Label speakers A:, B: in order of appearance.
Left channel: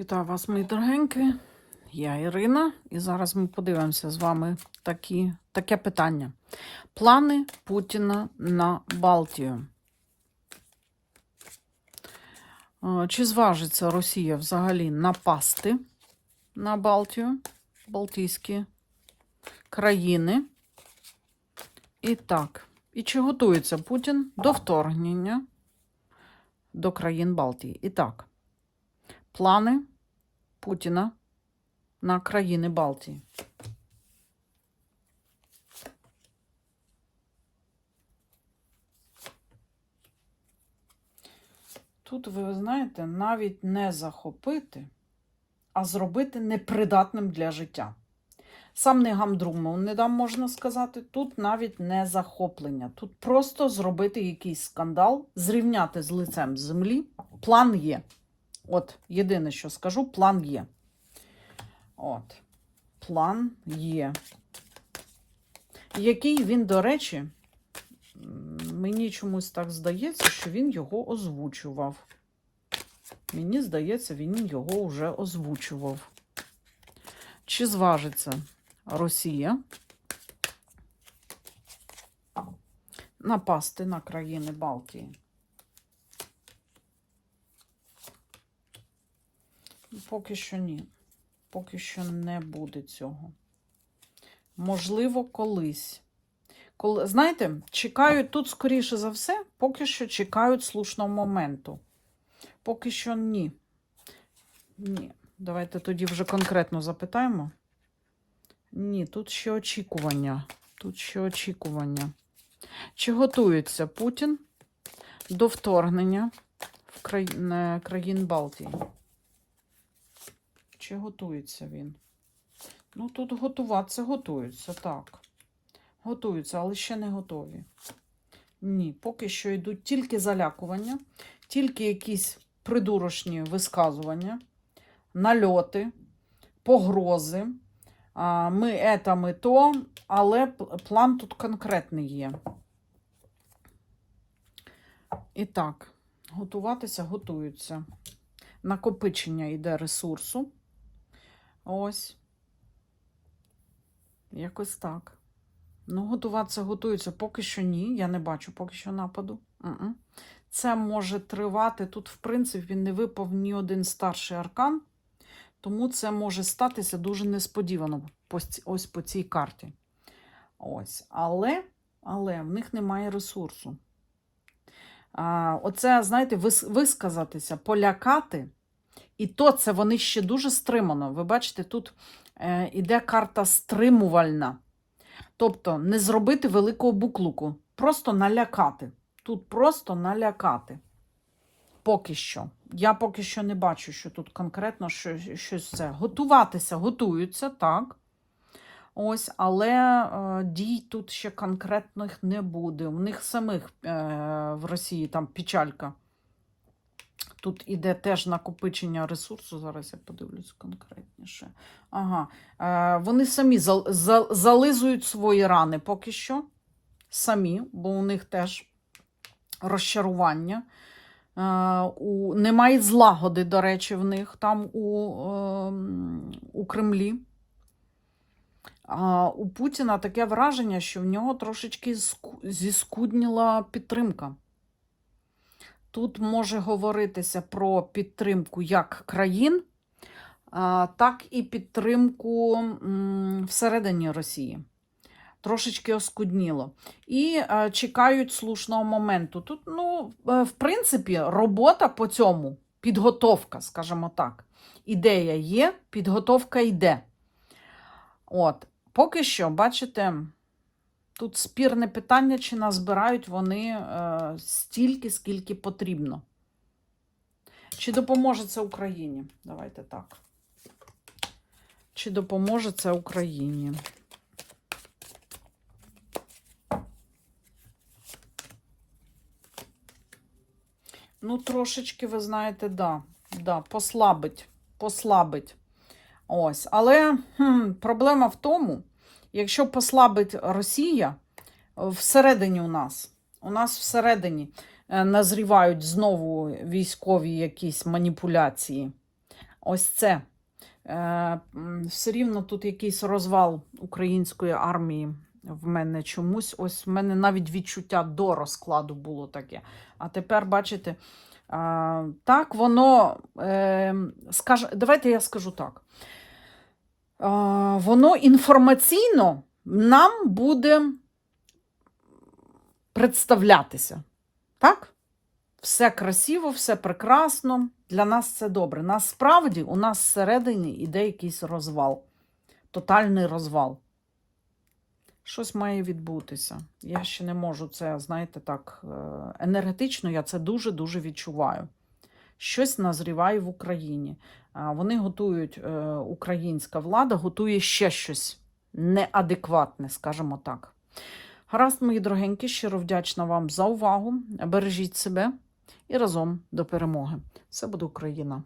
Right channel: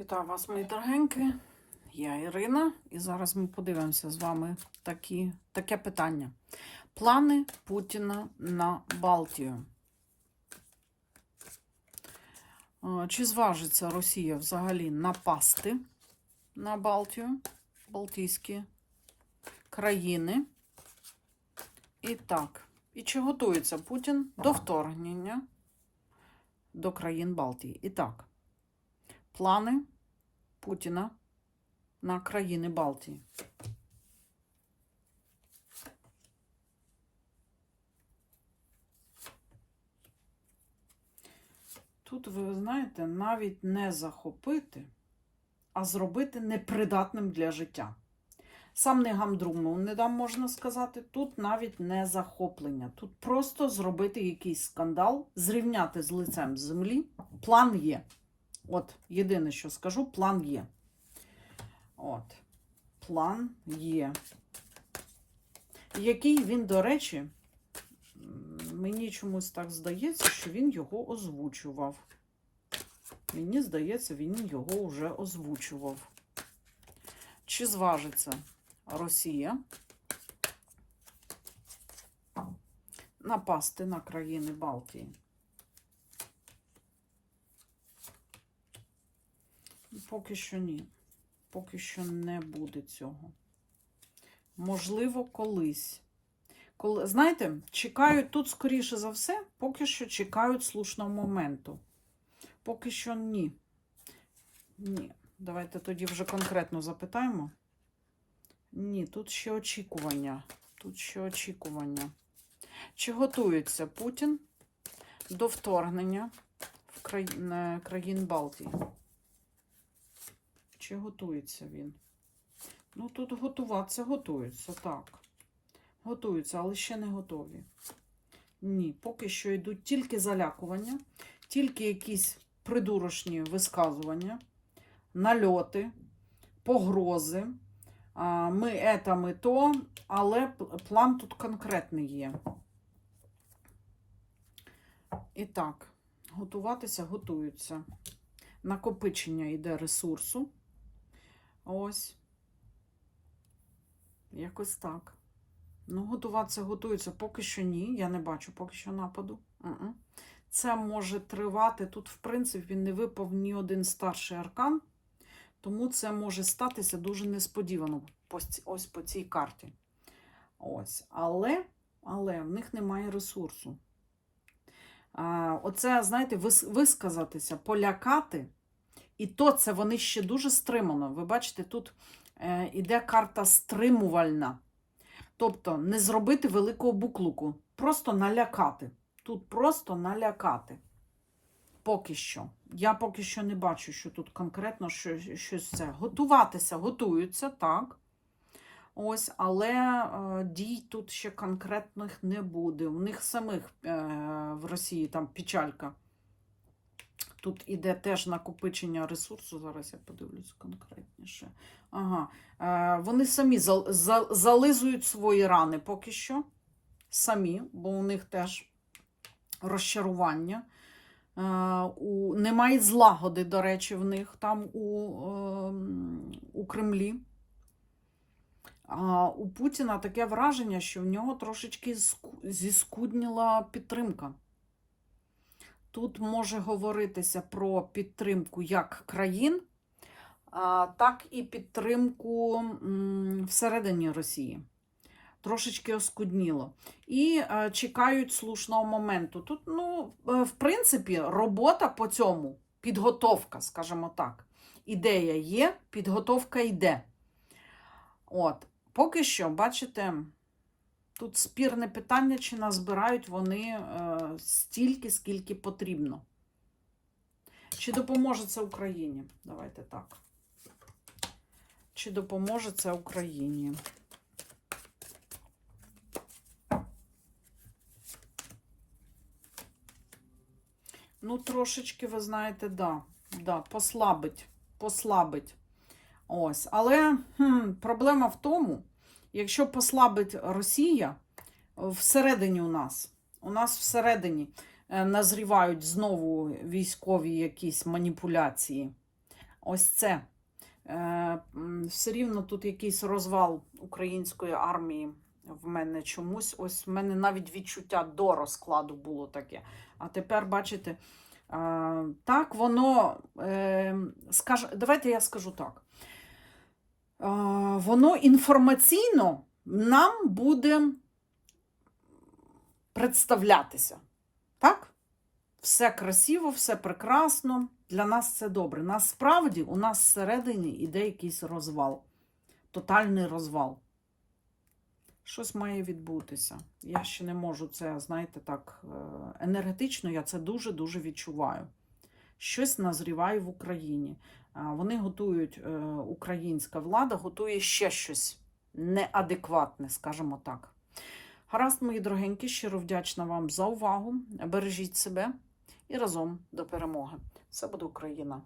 A: Вітаю вас, мої дорогенькі. Я Ірина, і зараз ми подивимося з вами такі, таке питання. Плани Путіна на Балтію. Е, Чи зважиться Росія взагалі напасти на Балтію, Балтійські країни? І так, і чи готується Путін до вторгнення до країн Балтії? І так, плани Путіна на країни Балтії. Тут, ви знаєте, навіть не захопити, а зробити непридатним для життя. Сам не гамдрумов не дам, можна сказати. Тут навіть не захоплення. Тут просто зробити якийсь скандал, зрівняти з лицем землі. План є. От, єдине, що скажу, план є. От, план є. Який він, до речі, мені чомусь так здається, що він його озвучував. Мені здається, він його вже озвучував. Чи зважиться Росія напасти на країни Балтії? Поки що ні. Поки що не буде цього. Можливо, колись. Коли, знаєте, чекають тут, скоріше за все, поки що чекають слушного моменту. Поки що ні. Ні. Давайте тоді вже конкретно запитаємо. Ні, тут ще очікування. Тут ще очікування. Чи готується Путін до вторгнення в краї... країн Балтії? Чи готується він? Ну, тут готуватися готуються, так. Готуються, але ще не готові. Ні, поки що йдуть тільки залякування, тільки якісь придурочні висказування, нальоти, погрози. Ми ета, ми то, але план тут конкретний є. І так, готуватися готуються. Накопичення йде ресурсу. Ось. Якось так. Ну, готуватися готуються. Поки що ні. Я не бачу поки що нападу. Це може тривати. Тут, в принципі, він не випав ні один старший аркан, тому це може статися дуже несподівано ось по цій карті. Ось. Але, але в них немає ресурсу. А, оце, знаєте, вис- висказатися, полякати. І то це вони ще дуже стримано. Ви бачите, тут е, іде карта стримувальна. Тобто не зробити великого буклуку, просто налякати. Тут просто налякати. Поки що. Я поки що не бачу, що тут конкретно що- щось це. Готуватися, готуються, так. Ось, але е, дій тут ще конкретних не буде. У них самих е, в Росії там печалька. Тут іде теж накопичення ресурсу. Зараз я подивлюсь конкретніше. Ага. Е, вони самі зал, за- зализують свої рани поки що. Самі, бо у них теж розчарування. Е, у, немає злагоди, до речі, в них там у, е, у Кремлі. А у Путіна таке враження, що в нього трошечки зіскудніла підтримка. Тут може говоритися про підтримку як країн, так і підтримку всередині Росії. Трошечки оскудніло. І чекають слушного моменту. Тут, ну, е, в принципі, робота по цьому, підготовка, скажімо так. Ідея є, підготовка йде. От, поки що, бачите, тут спірне питання, чи назбирають вони е, стільки, скільки потрібно. Чи допоможе це Україні? Давайте так. Чи допоможе це Україні? Ну, трошечки, ви знаєте, да, да, послабить, послабить. Ось. Але хм, проблема в тому, якщо послабить Росія всередині у нас, у нас всередині е, назрівають знову військові якісь маніпуляції. ось це. Е, все рівно тут якийсь розвал української армії в мене чомусь. Ось в мене навіть відчуття до розкладу було таке. А тепер, бачите, так воно, е, скаж, давайте я скажу так. Воно інформаційно нам буде представлятися. Так? Все красиво, все прекрасно. Для нас це добре. Насправді у нас всередині іде якийсь розвал, тотальний розвал. Щось має відбутися. Я ще не можу це, знаєте, так, е, енергетично я це дуже-дуже відчуваю. Щось назріває в Україні. Вони готують, е, українська влада готує ще щось неадекватне, скажімо так. Гаразд, мої дорогенькі, щиро вдячна вам за увагу. Бережіть себе і разом до перемоги. Все буде Україна!